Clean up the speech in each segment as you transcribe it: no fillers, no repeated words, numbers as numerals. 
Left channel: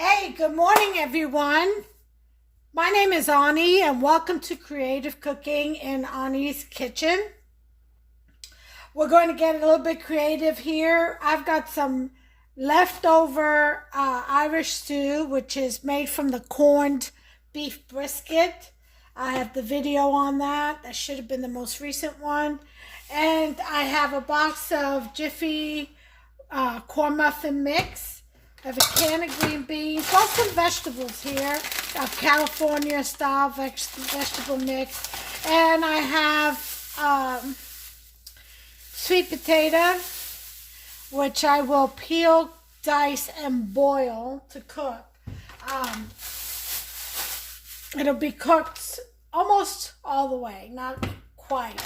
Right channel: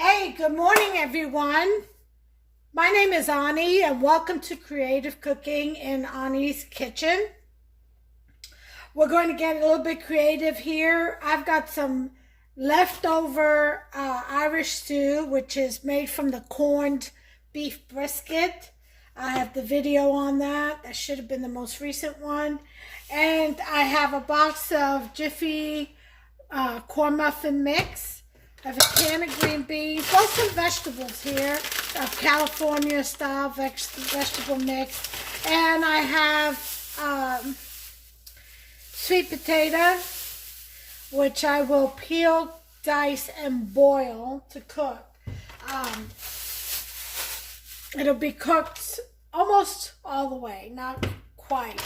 Hey, good morning, everyone. My name is Ani, and welcome to Creative Cooking in Ani's Kitchen. We're going to get a little bit creative here. I've got some leftover Irish stew, which is made from the corned beef brisket. I have the video on that. That should have been the most recent one. And I have a box of Jiffy corn muffin mix. I have a can of green beans, got some vegetables here, a California style vegetable mix, and I have sweet potato, which I will peel, dice, and boil to cook. It'll be cooked almost all the way, not quite.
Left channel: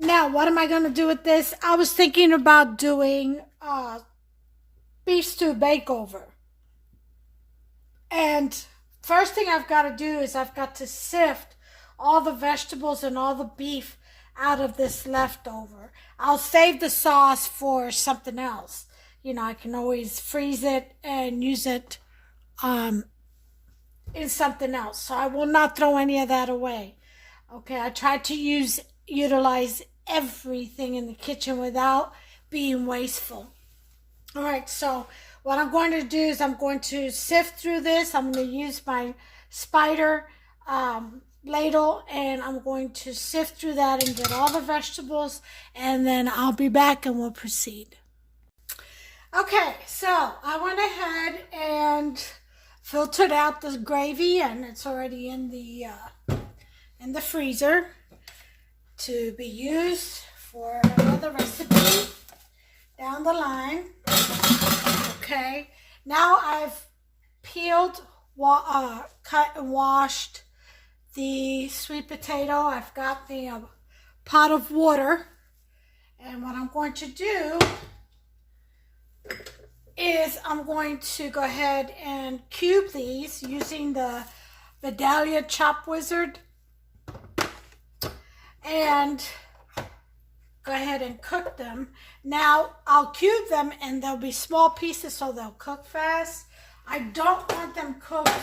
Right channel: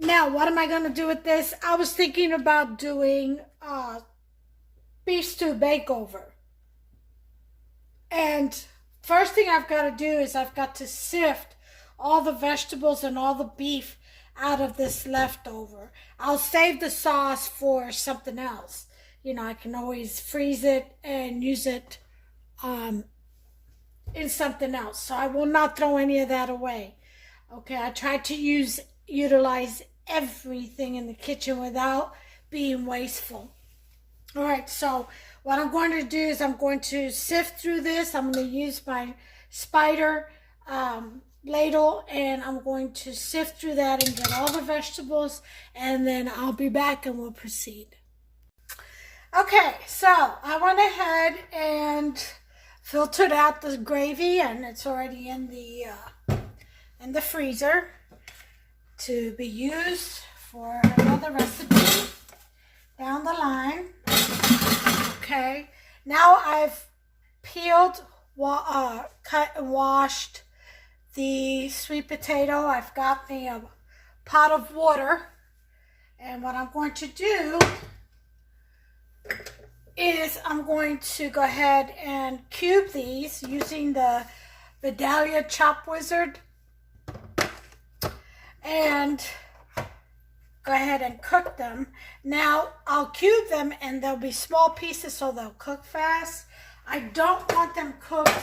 Now, what am I going to do with this? I was thinking about doing beef stew bakeover. And first thing I've got to do is I've got to sift all the vegetables and all the beef out of this leftover. I'll save the sauce for something else. You know, I can always freeze it and use it in something else. So I will not throw any of that away. Okay, I try to utilize everything in the kitchen without being wasteful. All right, so what I'm going to do is I'm going to sift through this. I'm going to use my spider ladle, and I'm going to sift through that and get all the vegetables, and then I'll be back and we'll proceed. Okay, so I went ahead and filtered out the gravy, and it's already in the freezer to be used for another recipe down the line. Okay, now I've peeled, cut and washed the sweet potato. I've got me a pot of water, and what I'm going to do is I'm going to go ahead and cube these using the Dahlia Chop Wizard, and go ahead and cook them. Now I'll cube them and they'll be small pieces so they'll cook fast. I don't want them cooked,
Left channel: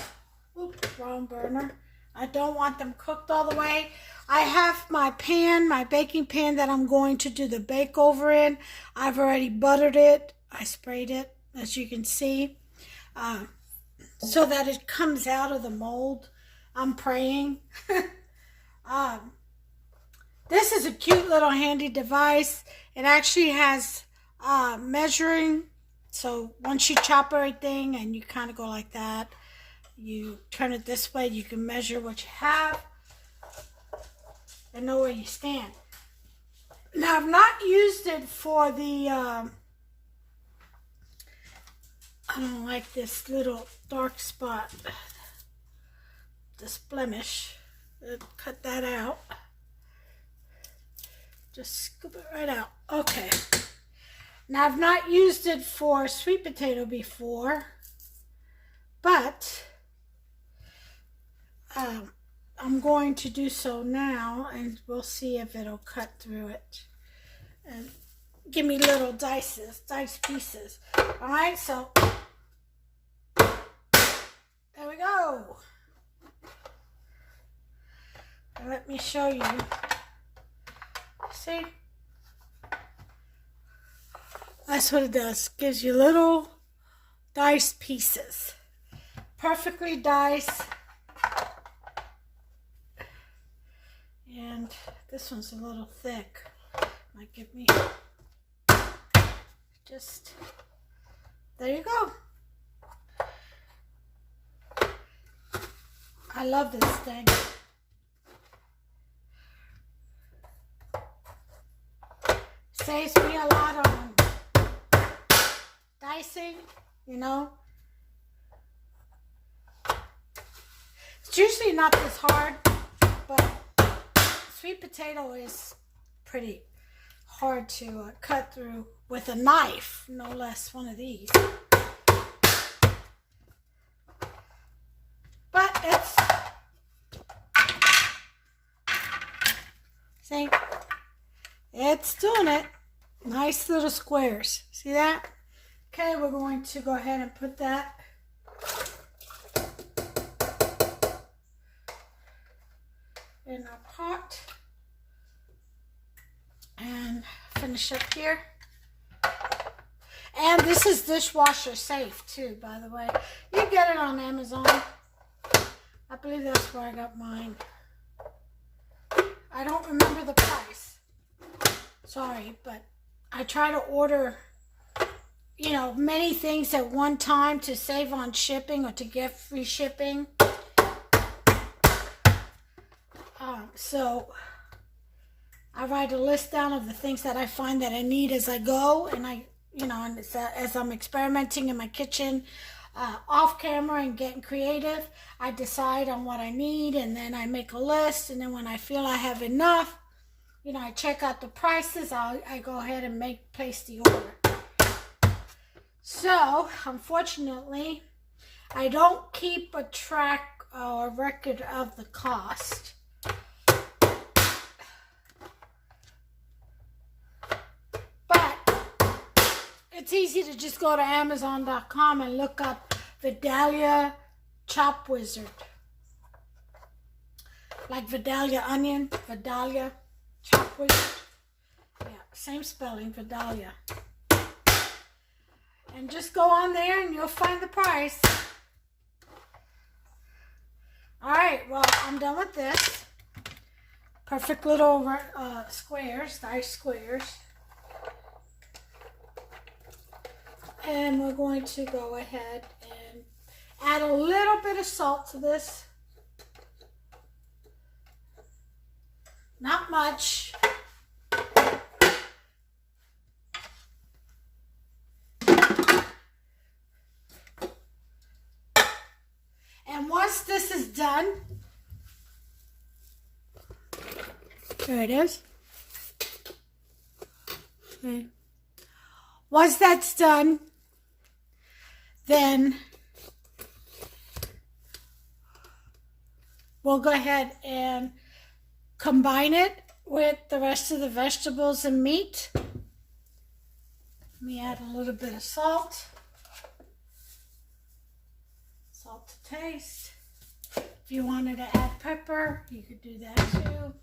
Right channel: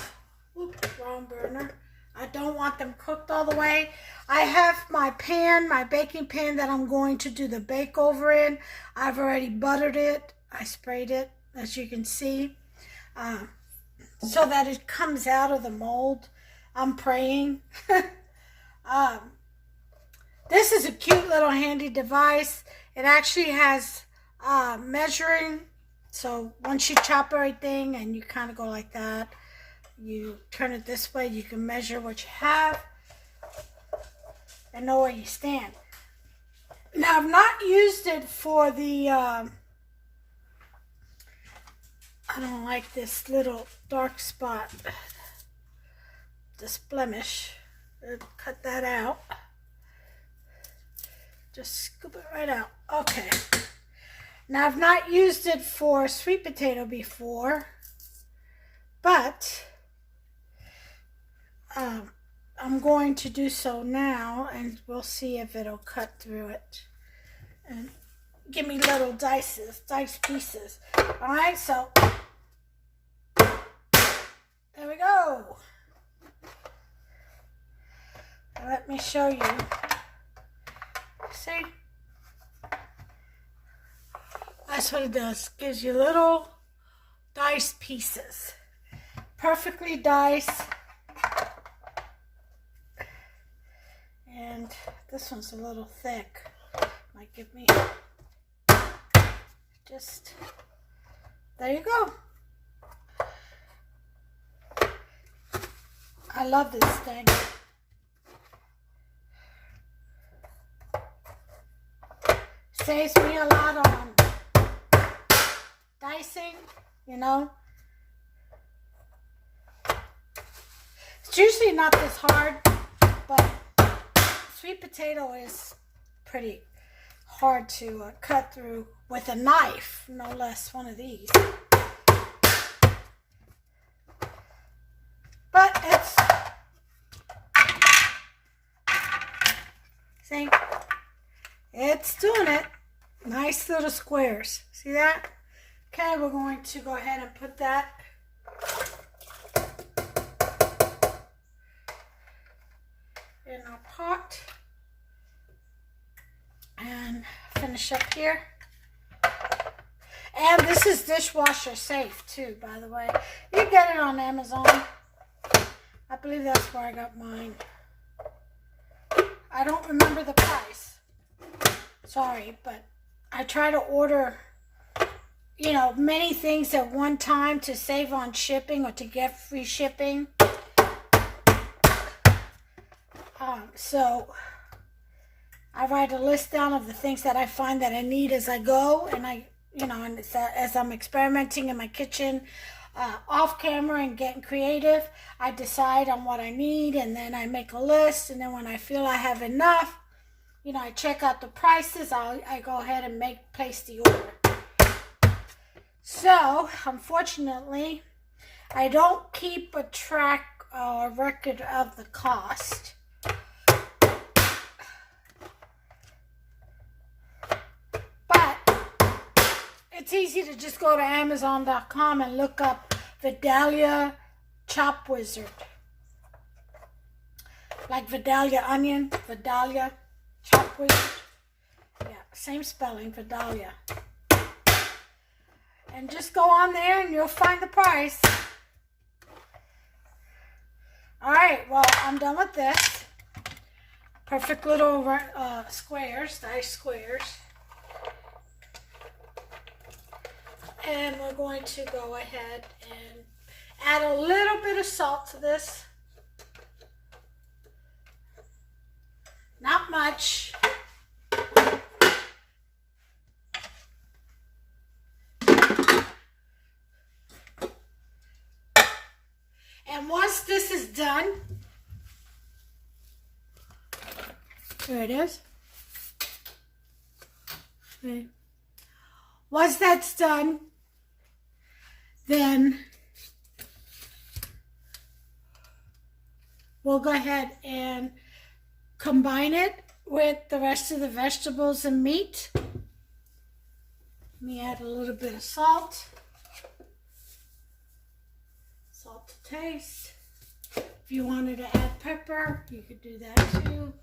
oops, wrong burner. I don't want them cooked all the way. I have my pan, my baking pan that I'm going to do the bake over in. I've already buttered it. I sprayed it, as you can see, so that it comes out of the mold. I'm praying. This is a cute little handy device. It actually has measuring. So once you chop everything and you kind of go like that, you turn it this way, you can measure what you have and know where you stand. Now, I've not used it for the, I don't like this little dark spot, this blemish. Cut that out. Just scoop it right out. Okay. Now, I've not used it for sweet potato before, but I'm going to do so now, and we'll see if it'll cut through it and give me little dice pieces. All right, so there we go. Now, let me show you. See? That's what it does. Gives you little diced pieces. Perfectly diced. And this one's a little thick. Might give me just, there you go. I love this thing. Saves me a lot on dicing, you know. It's usually not this hard, but sweet potato is pretty hard to cut through with a knife, no less one of these. But it's, see, it's doing it. Nice little squares. See that? Okay, we're going to go ahead and put that pot. And finish up here. And this is dishwasher safe too, by the way. You get it on Amazon. I believe that's where I got mine. I don't remember the price. Sorry, but I try to order, you know, many things at one time to save on shipping or to get free shipping. So I write a list down of the things that I find that I need as I go, and and as I'm experimenting in my kitchen, off camera and getting creative, I decide on what I need, and then I make a list, and then when I feel I have enough, you know, I check out the prices, I go ahead and place the order. So, unfortunately, I don't keep a track or record of the cost. It's easy to just go to Amazon.com and look up Vidalia Chop Wizard. Like Vidalia onion, Vidalia Chop Wizard. Yeah, same spelling, Vidalia. And just go on there and you'll find the price. Alright, well, I'm done with this. Perfect little squares, nice squares. And we're going to go ahead and add a little bit of salt to this. Not much. And once this is done, there it is. Okay. Once that's done, then we'll go ahead and combine it with the rest of the vegetables and meat. Let me add a little bit of salt. Salt to taste. If you wanted to add pepper, you could do that too.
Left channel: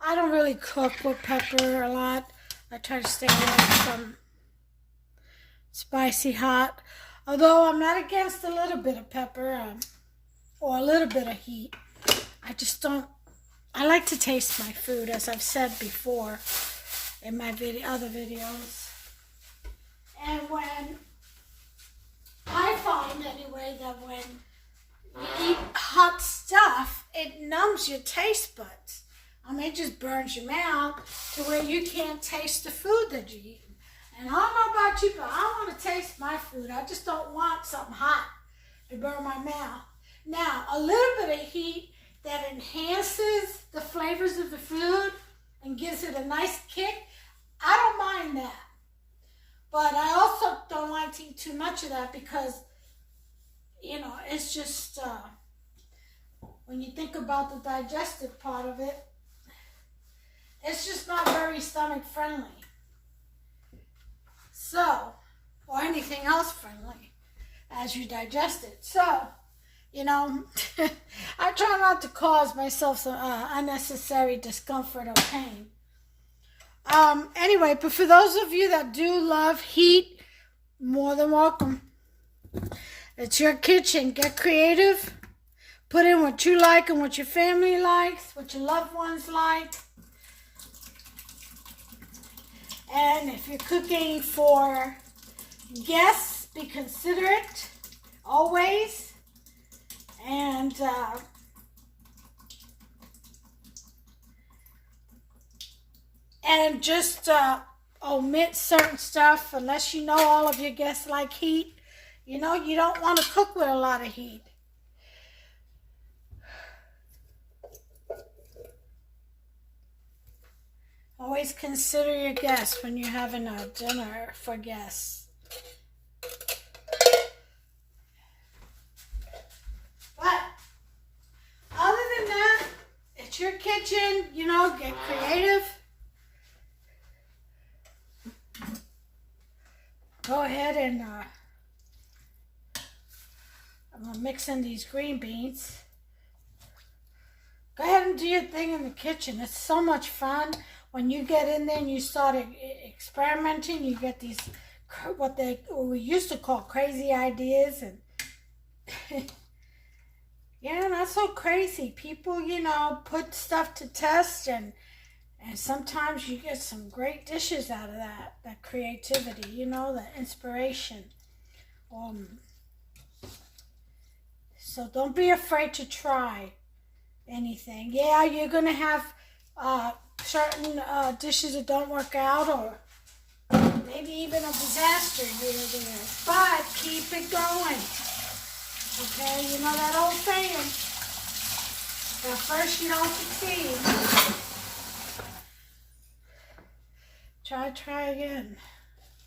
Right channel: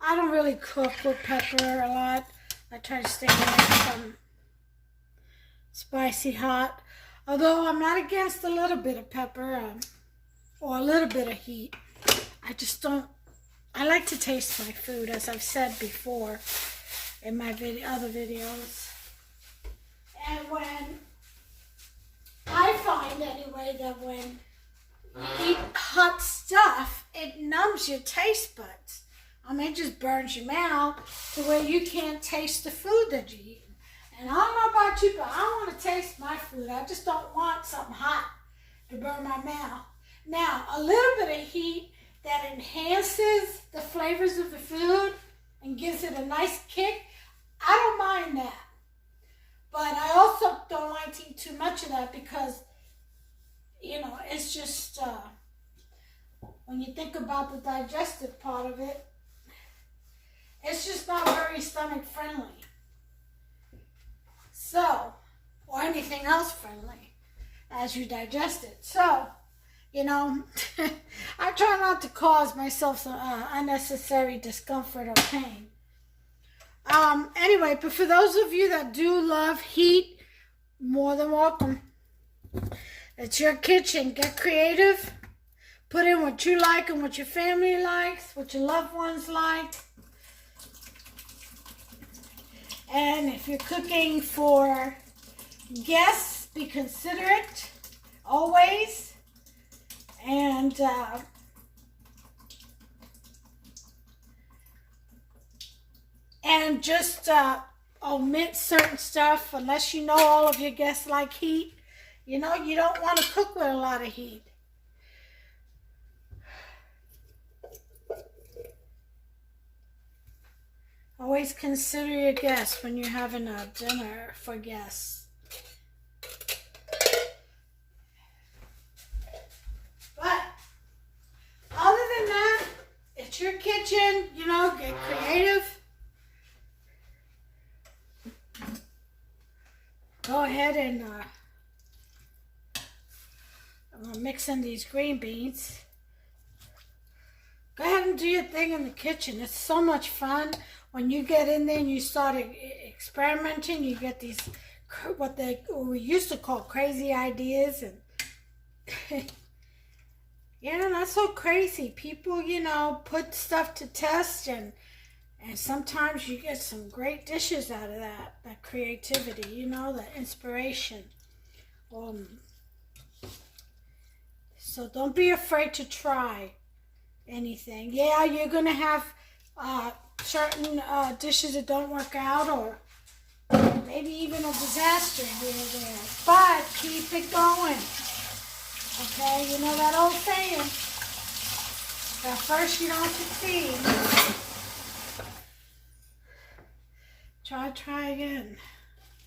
I don't really cook with pepper a lot. I try to stay away from spicy hot. Although I'm not against a little bit of pepper or a little bit of heat. I just don't, I like to taste my food, as I've said before in my other videos. And when, I find anyway that when you eat hot stuff, it numbs your taste buds. I mean, it just burns your mouth to where you can't taste the food that you eat. And I don't know about you, but I want to taste my food. I just don't want something hot to burn my mouth. Now, a little bit of heat that enhances the flavors of the food and gives it a nice kick, I don't mind that. But I also don't like to eat too much of that because, you know, it's just, when you think about the digestive part of it, it's just not very stomach friendly. So, or anything else friendly as you digest it. So, you know, I try not to cause myself some unnecessary discomfort or pain. Anyway, but for those of you that do love heat, more than welcome. It's your kitchen. Get creative. Put in what you like and what your family likes, what your loved ones like. And if you're cooking for guests, be considerate always. And just omit certain stuff unless you know all of your guests like heat. You know, you don't want to cook with a lot of heat. Always consider your guests when you're having a dinner for guests. But other than that, it's your kitchen, you know, get creative. Go ahead and I'm going to mix in these green beans. Go ahead and and do your thing in the kitchen. It's so much fun when you get in there and you start experimenting. You get these what we used to call crazy ideas, and yeah, not so crazy. People, you know, put stuff to test, and sometimes you get some great dishes out of that creativity, you know, that inspiration. So don't be afraid to try anything. Yeah, you're gonna have certain dishes that don't work out, or maybe even a disaster here or there. But keep it going. Okay, you know that old saying, at first you don't succeed. Try again.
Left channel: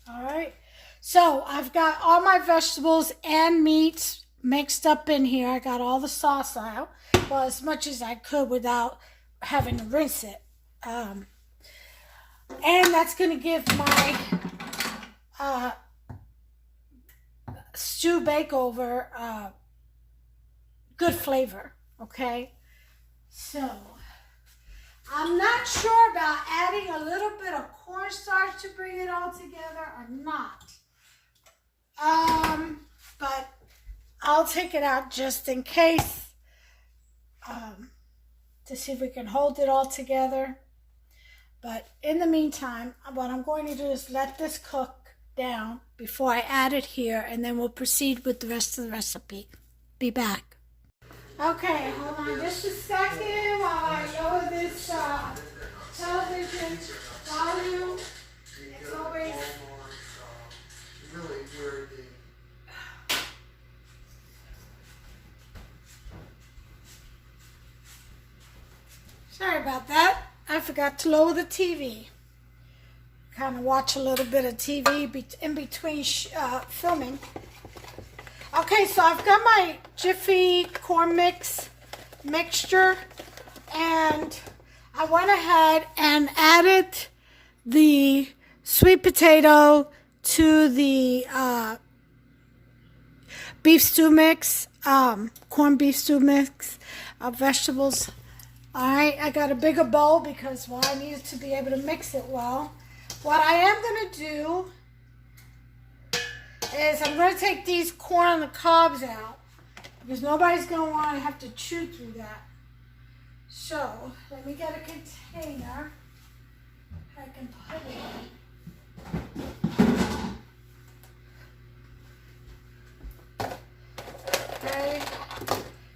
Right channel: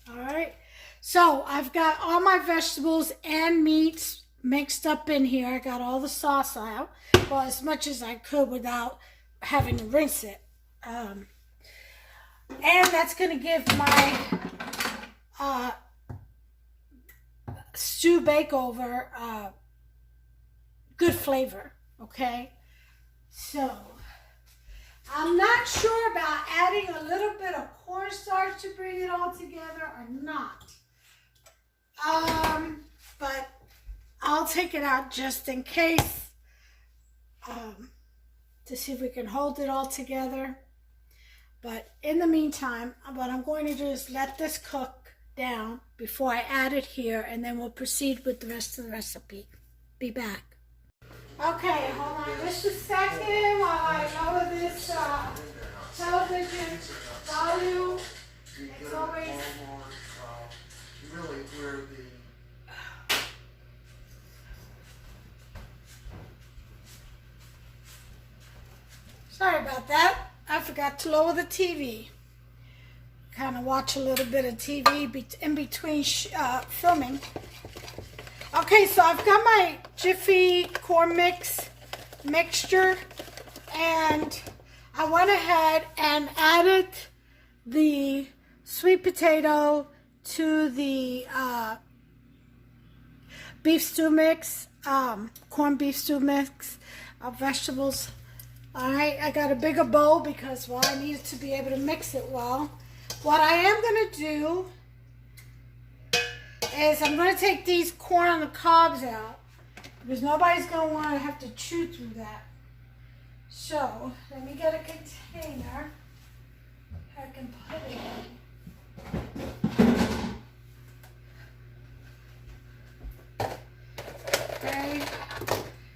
All right. So I've got all my vegetables and meats mixed up in here. I got all the sauce out, well, as much as I could without having to rinse it. And that's going to give my stew bakeover good flavor. Okay. So I'm not sure about adding a little bit of cornstarch to bring it all together or not. But I'll take it out just in case, to see if we can hold it all together. But in the meantime, what I'm going to do is let this cook down before I add it here, and then we'll proceed with the rest of the recipe. Be back. Okay, hold on just a second while I lower this television volume. It's always really where the sorry about that. I forgot to lower the TV. Kind of watch a little bit of TV in between filming. Okay, so I've got my Jiffy corn mixture, and I went ahead and added the sweet potato to the beef stew mix, corned beef stew mix of vegetables. All right, I got a bigger bowl because, well, I needed to be able to mix it well. What I am going to do is I'm going to take these corn on the cobs out because nobody's going to want to have to chew through that. So let me get a container I can put it in. Okay,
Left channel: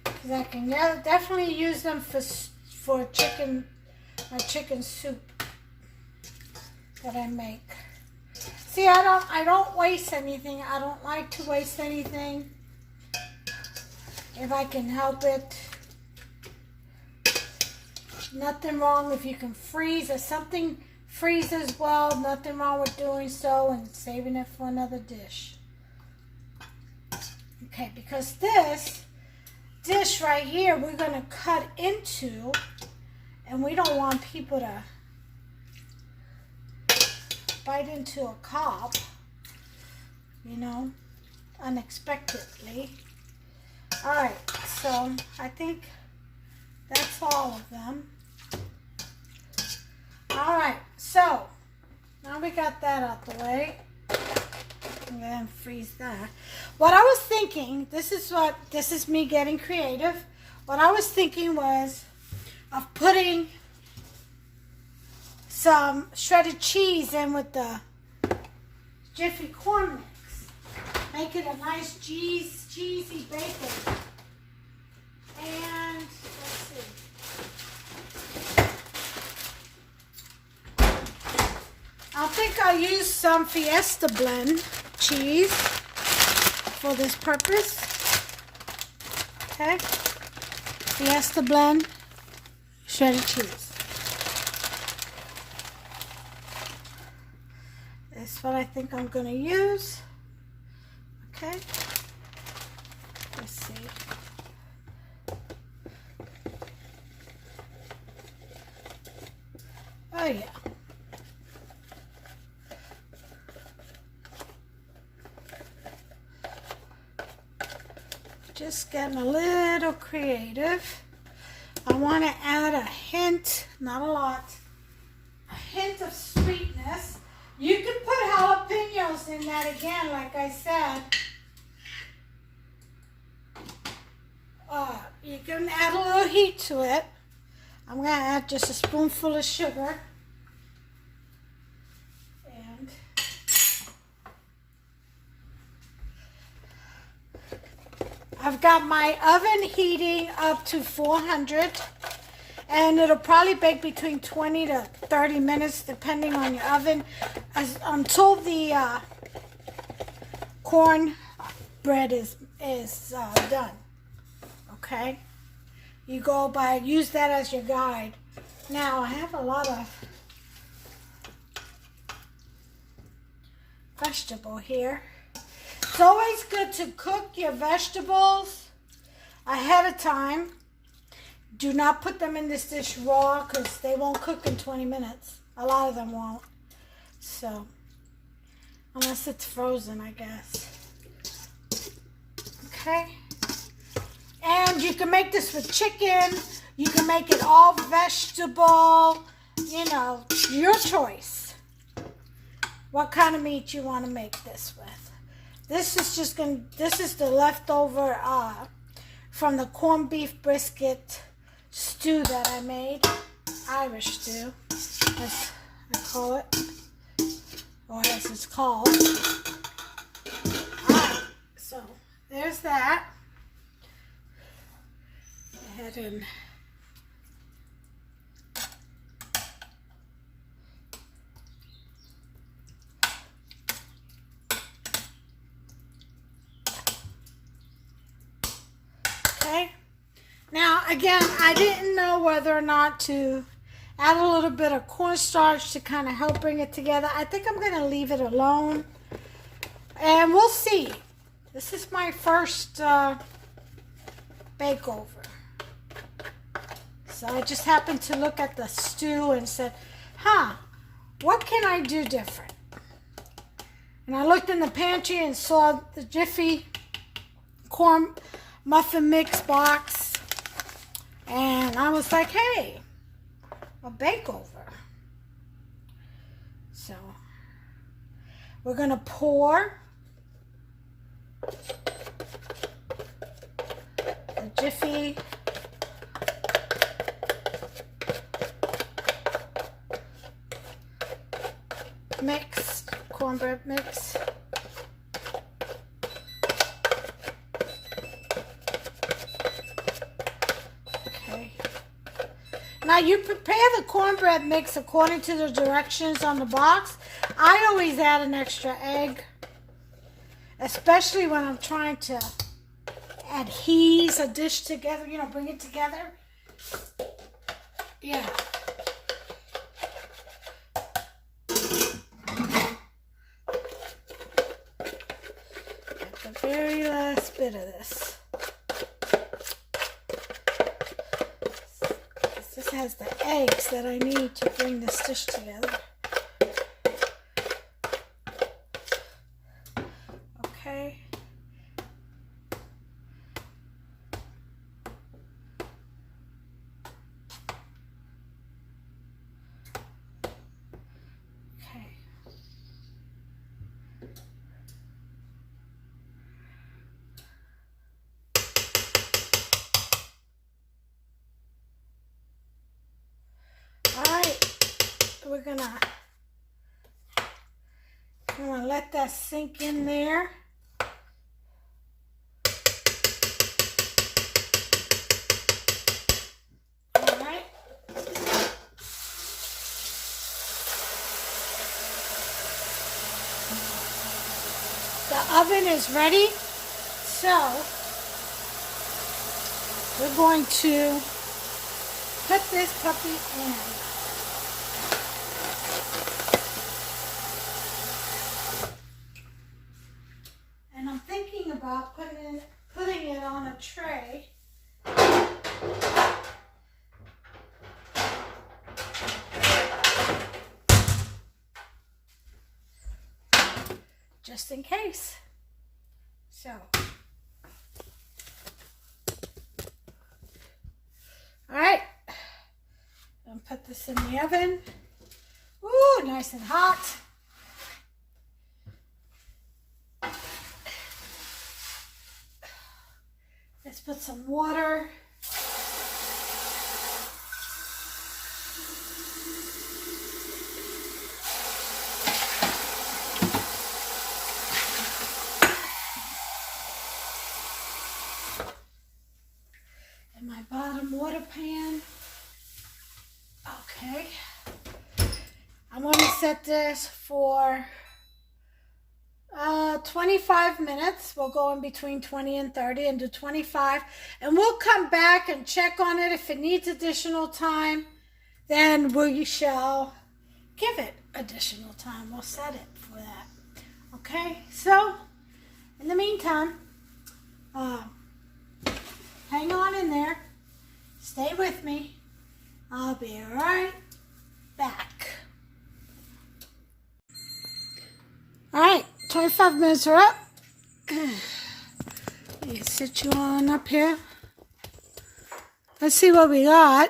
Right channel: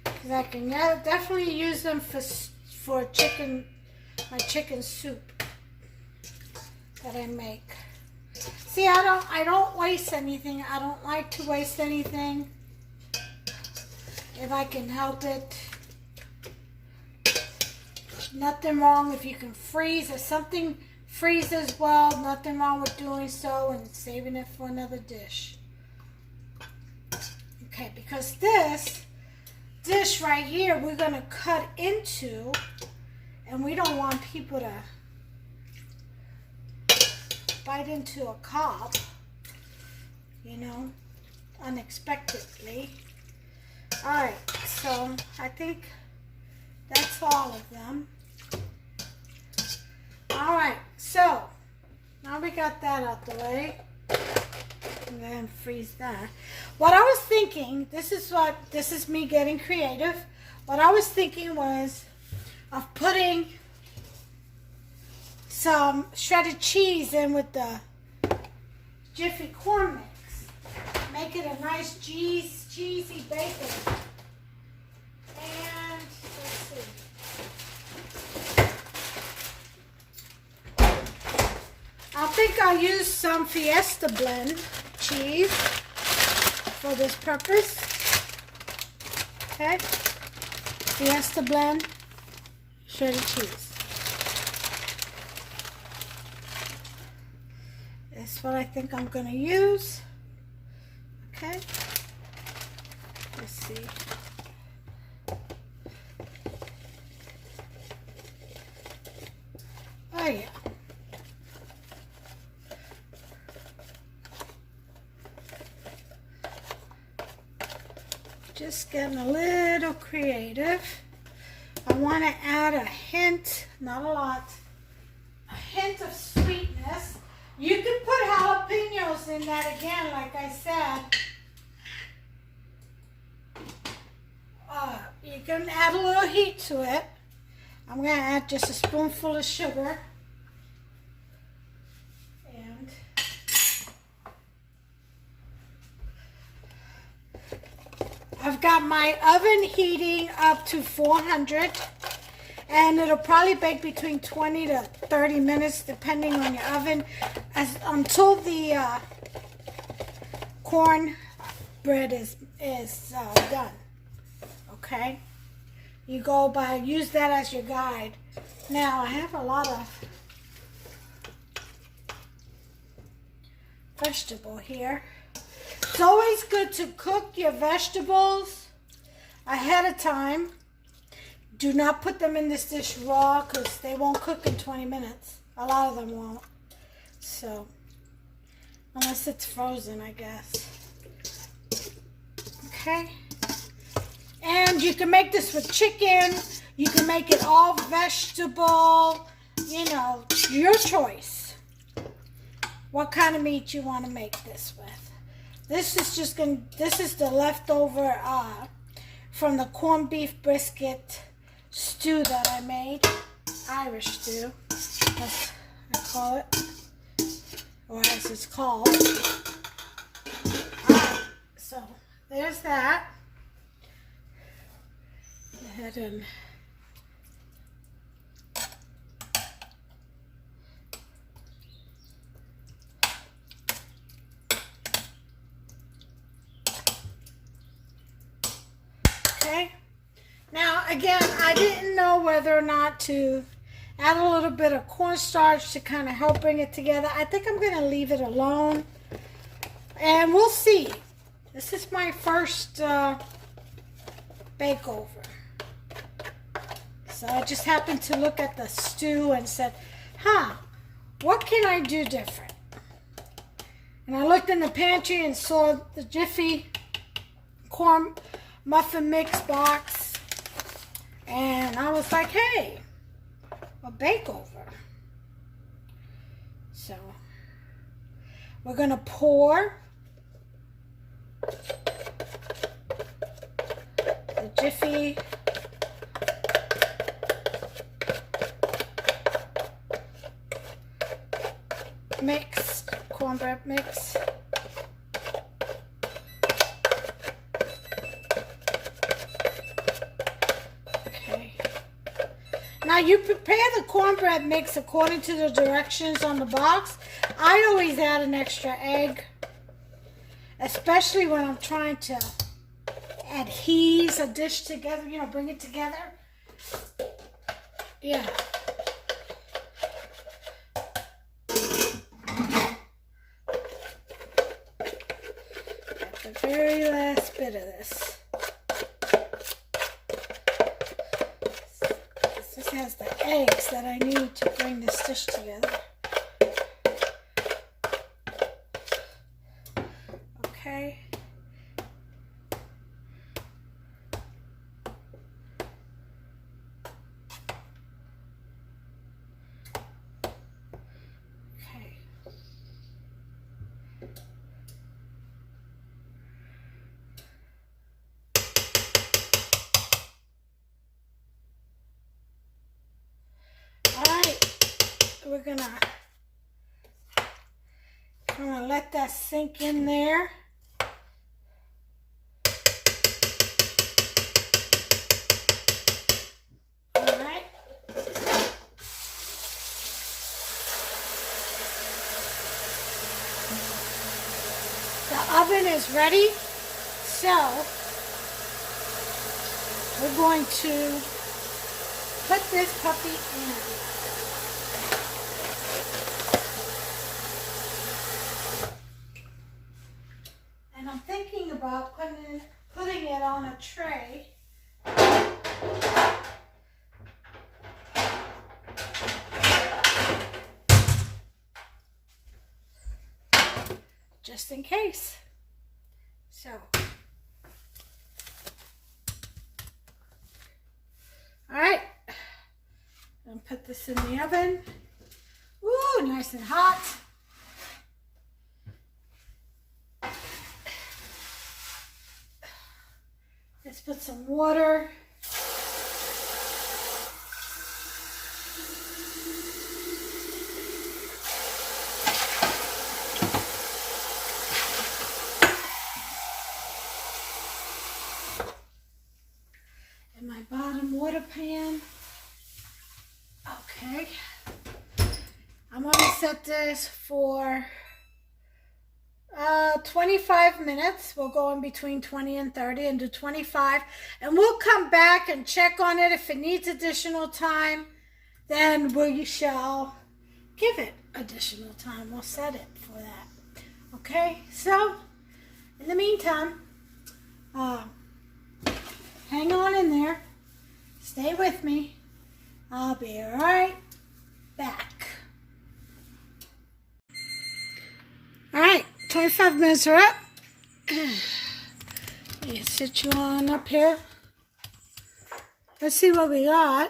because I can definitely use them for my chicken soup that I make. See, I don't waste anything. I don't like to waste anything if I can help it. Nothing wrong if you can freeze. If something freezes well, nothing wrong with doing so and saving it for another dish. Okay, because this dish right here we're going to cut into, and we don't want people to bite into a cob, you know, unexpectedly. All right, so I think that's all of them. All right, so now we got that out the way. I'm going to freeze that. What I was thinking, this is me getting creative. What I was thinking was of putting some shredded cheese in with the Jiffy corn mix. Make it a nice cheesy bacon. And let's see. I think I'll use some Fiesta blend cheese for this purpose. Okay. Fiesta blend shredded cheese. That's what I think I'm going to use. Okay. Let's see. Oh yeah. Just getting a little creative. I want to add a hint, not a lot, a hint of sweetness. You can put jalapenos in that again, like I said. You can add a little heat to it. I'm going to add just a spoonful of sugar. And I've got my oven heating up to 400, and it'll probably bake between 20 to 30 minutes depending on your oven, until the cornbread is done. Okay, use that as your guide. Now I have a lot of vegetable here. It's always good to cook your vegetables ahead of time. Do not put them in this dish raw because they won't cook in 20 minutes. A lot of them won't. So, unless it's frozen, I guess. Okay. And you can make this with chicken. You can make it all vegetable. You know, your choice. What kind of meat you want to make this with. This is the leftover from the corned beef brisket stew that I made. Irish stew, as I call it. Or as it's called. Alright, so there's that. Go ahead and okay. Now again, I didn't know whether or not to add a little bit of cornstarch to kind of help bring it together. I think I'm going to leave it alone. And we'll see. This is my first bake over. So I just happened to look at the stew and said, what can I do different? And I looked in the pantry and saw the Jiffy corn muffin mix box. And I was like, hey, a bake over. So we're going to pour the Jiffy mix, cornbread mix. Now you prepare the cornbread mix according to the directions on the box. I always add an extra egg, especially when I'm trying to adhese a dish together, you know, bring it together. Yeah. At the very last bit of this. This has the eggs that I need to bring this dish together. Okay. Okay. We're gonna let that sink in there. All right. The oven is ready, so we're going to put this puppy in. About putting it on a tray. Just in case. So, all right. I'm gonna put this in the oven. Ooh, nice and hot. Let's put some water. In my bottom water pan. Okay. I'm going to set this for 25 minutes. We'll go in between 20 and 30 and do 25. And we'll come back and check on it. If it needs additional time, then we shall give it additional time. We'll set it for that. Okay, so in the meantime, hang on in there. Stay with me. I'll be right back. All right, 25 minutes are up. Let me sit you on up here. Let's see what we got.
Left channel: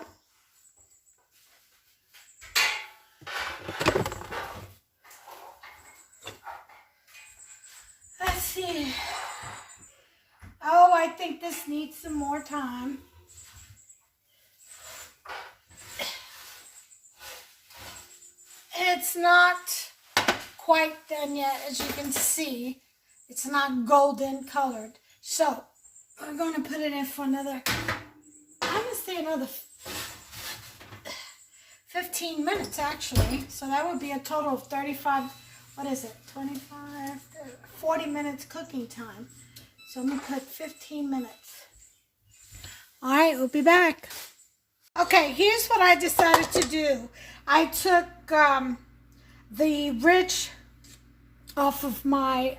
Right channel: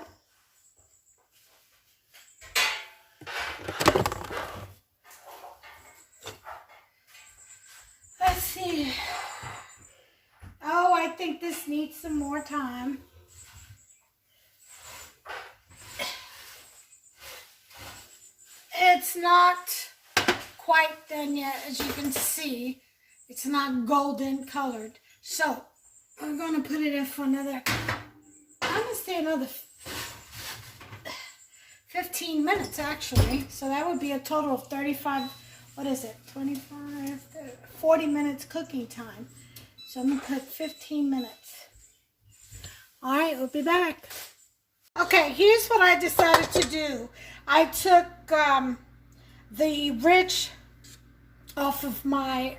Let's see. Oh, I think this needs some more time. It's not quite done yet, as you can see. It's not golden colored. So, we're going to put it in for another, I'm going to say another 15 minutes, actually. So that would be a total of 35, what is it, 25, 40 minutes cooking time. So I'm going to put 15 minutes. All right, we'll be back. Okay, here's what I decided to do. I took the ridge off of my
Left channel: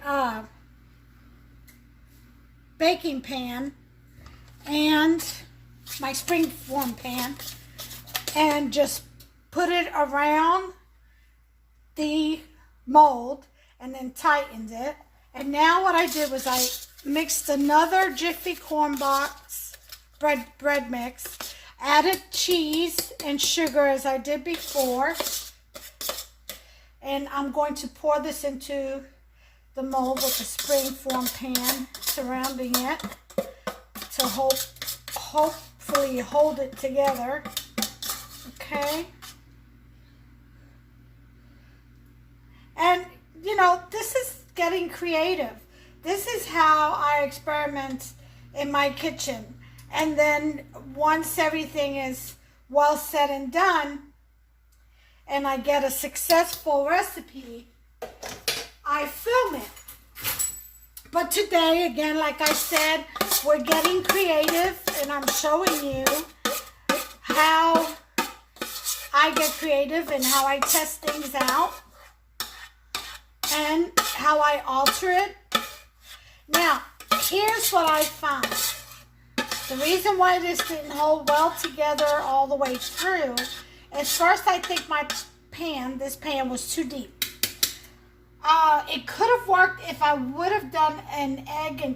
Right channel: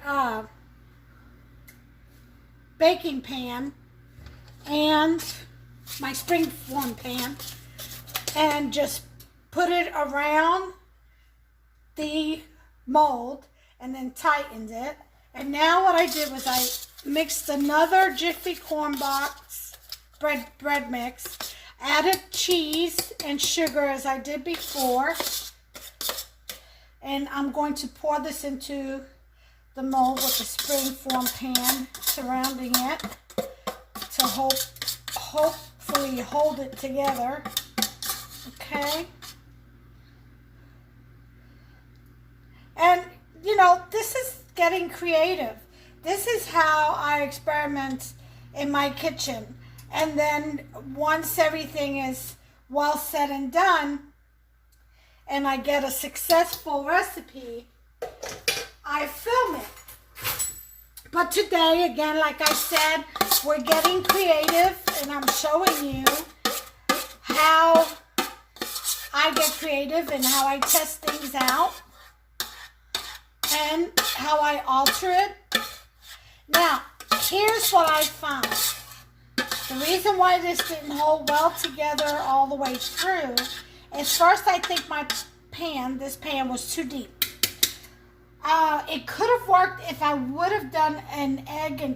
baking pan and my springform pan and just put it around the mold and then tightened it. And now what I did was I mixed another Jiffy corn box bread mix, added cheese and sugar as I did before, and I'm going to pour this into the mold with the springform pan surrounding it to hopefully hold it together. Okay. And you know, this is getting creative. This is how I experiment in my kitchen. And then once everything is well said and done, and I get a successful recipe, I film it. But today, again, like I said, we're getting creative, and I'm showing you how I get creative and how I test things out and how I alter it. Now, here's what I found. The reason why this didn't hold well together all the way through is, first, I think this pan was too deep. It could have worked if I would have done an egg white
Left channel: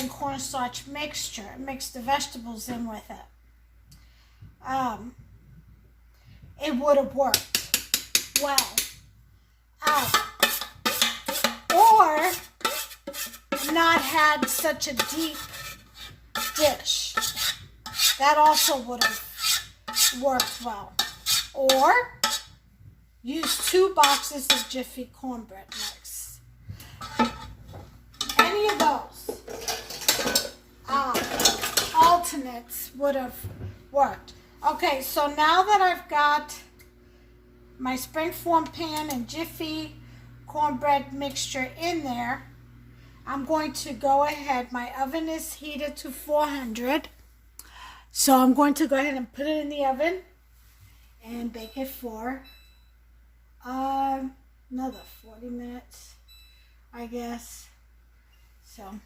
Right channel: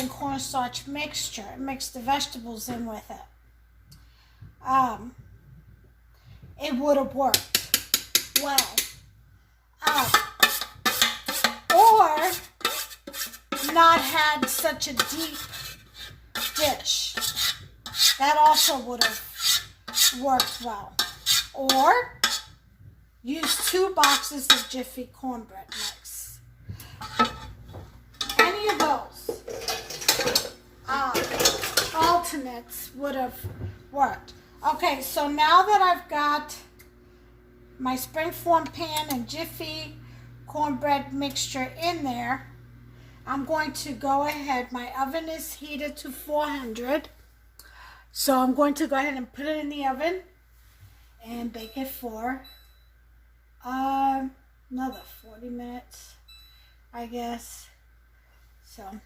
and cornstarch mixture, mixed the vegetables in with it. It would have worked well. Or not had such a deep dish. That also would have worked well. Or use 2 boxes of Jiffy cornbread mix. Any of those alternates would have worked. Okay, so now that I've got my springform pan and Jiffy cornbread mixture in there, I'm going to go ahead. My oven is heated to 400. So I'm going to go ahead and put it in the oven and bake it for another 40 minutes, I guess. So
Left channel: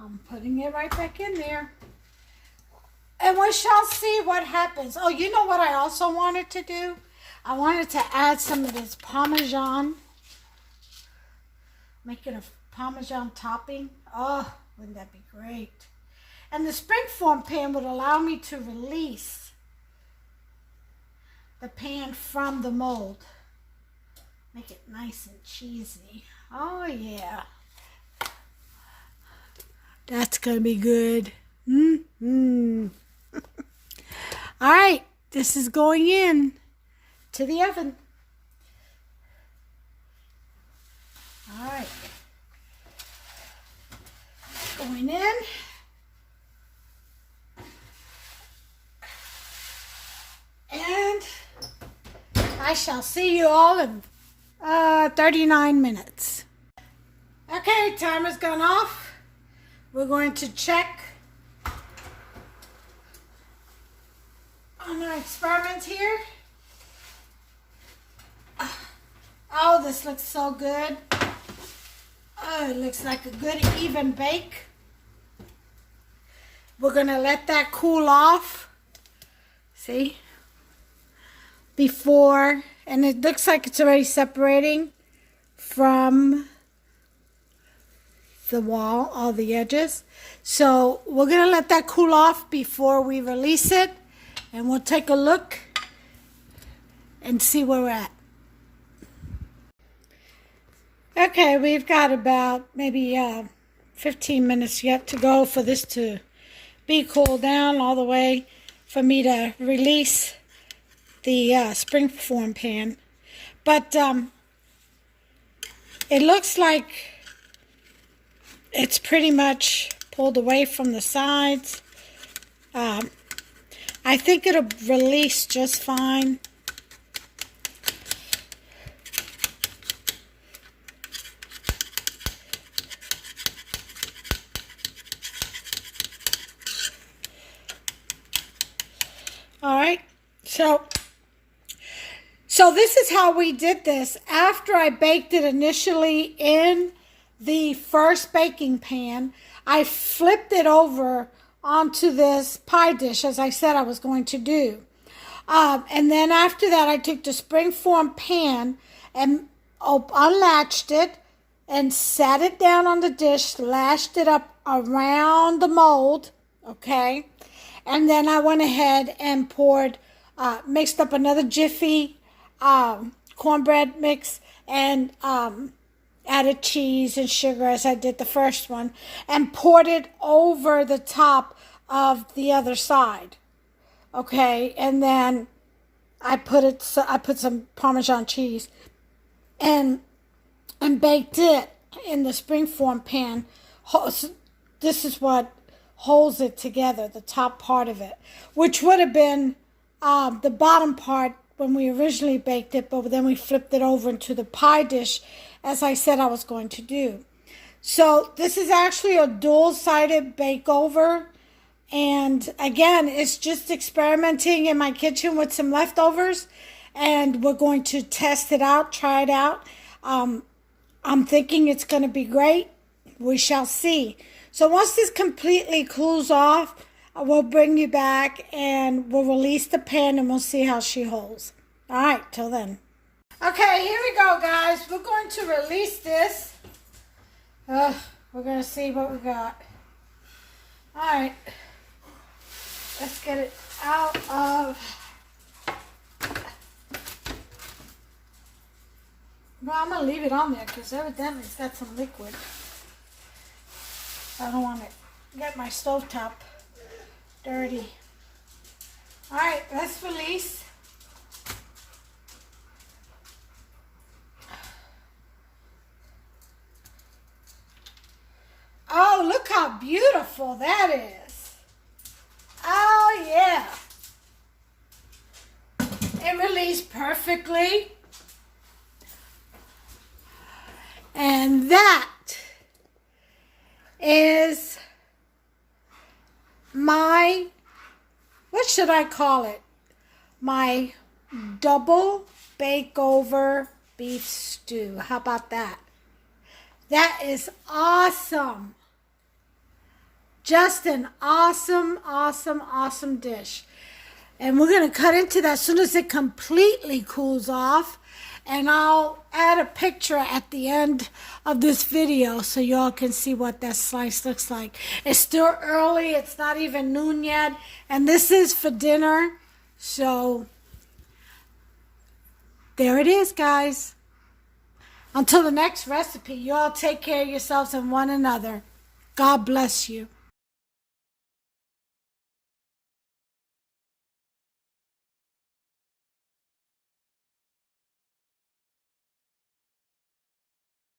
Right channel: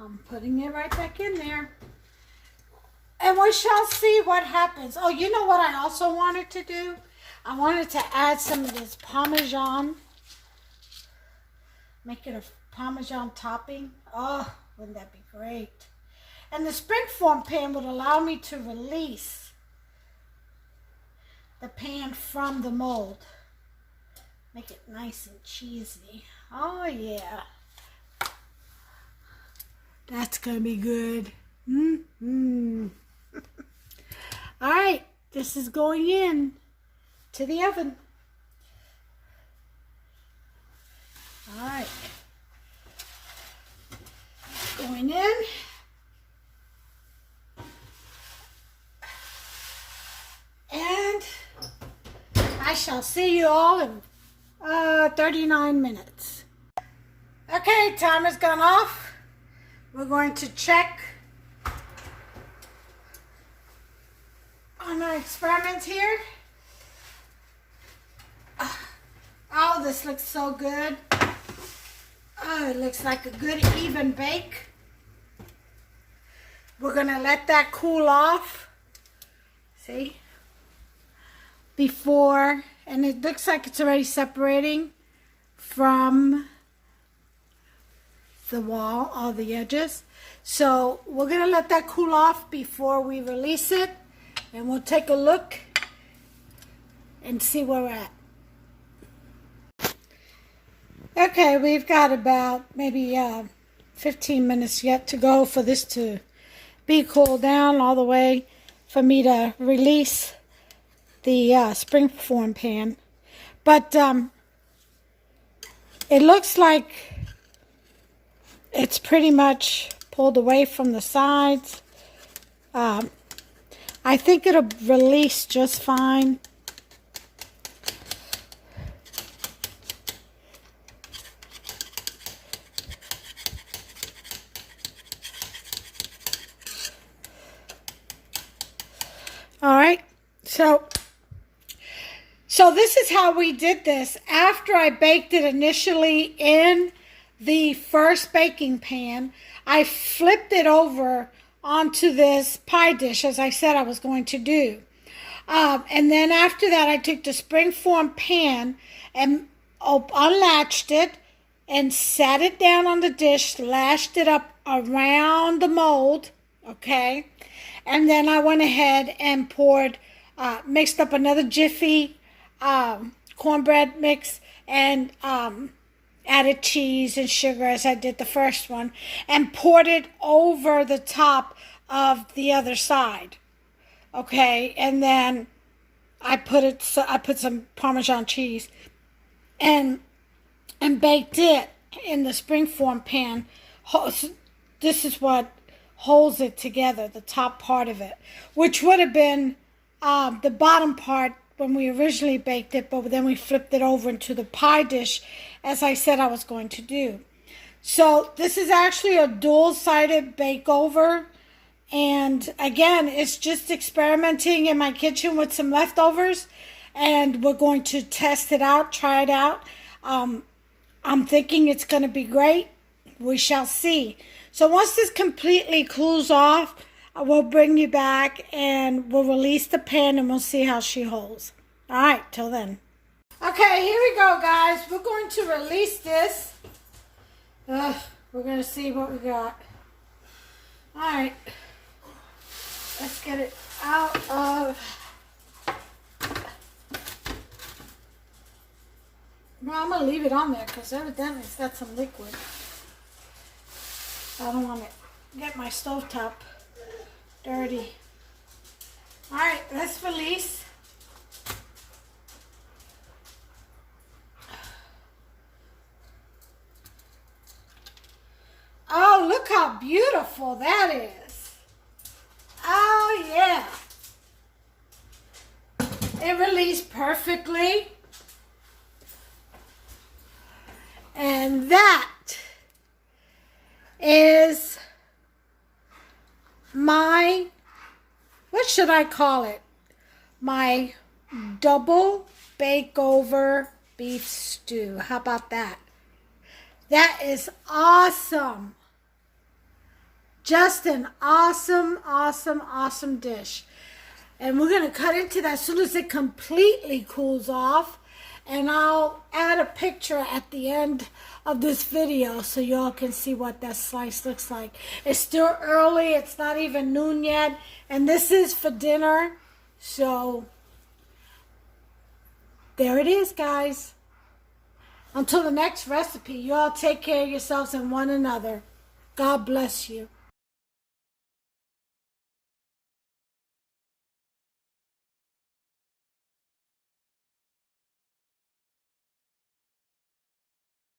I'm putting it right back in there. And we shall see what happens. Oh, you know what I also wanted to do? I wanted to add some of this Parmesan. Make it a Parmesan topping. Oh, wouldn't that be great? And the springform pan would allow me to release the pan from the mold. Make it nice and cheesy. Oh yeah. That's gonna be good. All right, this is going in to the oven. All right. Going in. And I shall see you all in 39 minutes. Okay, timer's gone off. We're going to check on our experiment here. Oh, this looks so good. Oh, it looks like a good even bake. We're gonna let that cool off. See? Before, and it looks like it's already separating from the wall, all the edges. So we're gonna let that cool off before we release it, and we'll take a look and see where we're at. Okay, we've got about maybe 15 minutes yet to go for this to be cooled down all the way for me to release the springform pan. But it looks like it's pretty much pulled away from the sides. I think it'll release just fine. All right, so this is how we did this. After I baked it initially in the first baking pan, I flipped it over onto this pie dish, as I said I was going to do. And then after that, I took the springform pan and unlatched it and sat it down on the dish, lashed it up around the mold, okay? And then I went ahead and poured, mixed up another Jiffy cornbread mix and added cheese and sugar as I did the first one, and poured it over the top of the other side. Okay, and then I put some Parmesan cheese and baked it in the springform pan. This is what holds it together, the top part of it, which would have been the bottom part when we originally baked it, but then we flipped it over into the pie dish, as I said I was going to do. So this is actually a dual-sided bake over, and again, it's just experimenting in my kitchen with some leftovers, and we're going to test it out, try it out. I'm thinking it's going to be great. We shall see. So once this completely cools off, we'll bring you back and we'll release the pan and we'll see how she holds. All right, till then. Okay, here we go, guys. We're going to release this. We're going to see what we got. All right. Let's get it out of... No, I'm going to leave it on there because evidently it's got some liquid. I don't want to get my stovetop dirty. All right, let's release. Oh, look how beautiful that is. Oh, yeah. It released perfectly. And that is my, what should I call it? My double bake over beef stew. How about that? That is awesome. Just an awesome, awesome, awesome dish. And we're going to cut into that as soon as it completely cools off. And I'll add a picture at the end of this video so y'all can see what that slice looks like. It's still early. It's not even noon yet. And this is for dinner. So there it is, guys. Until the next recipe, y'all take care of yourselves and one another. God bless you.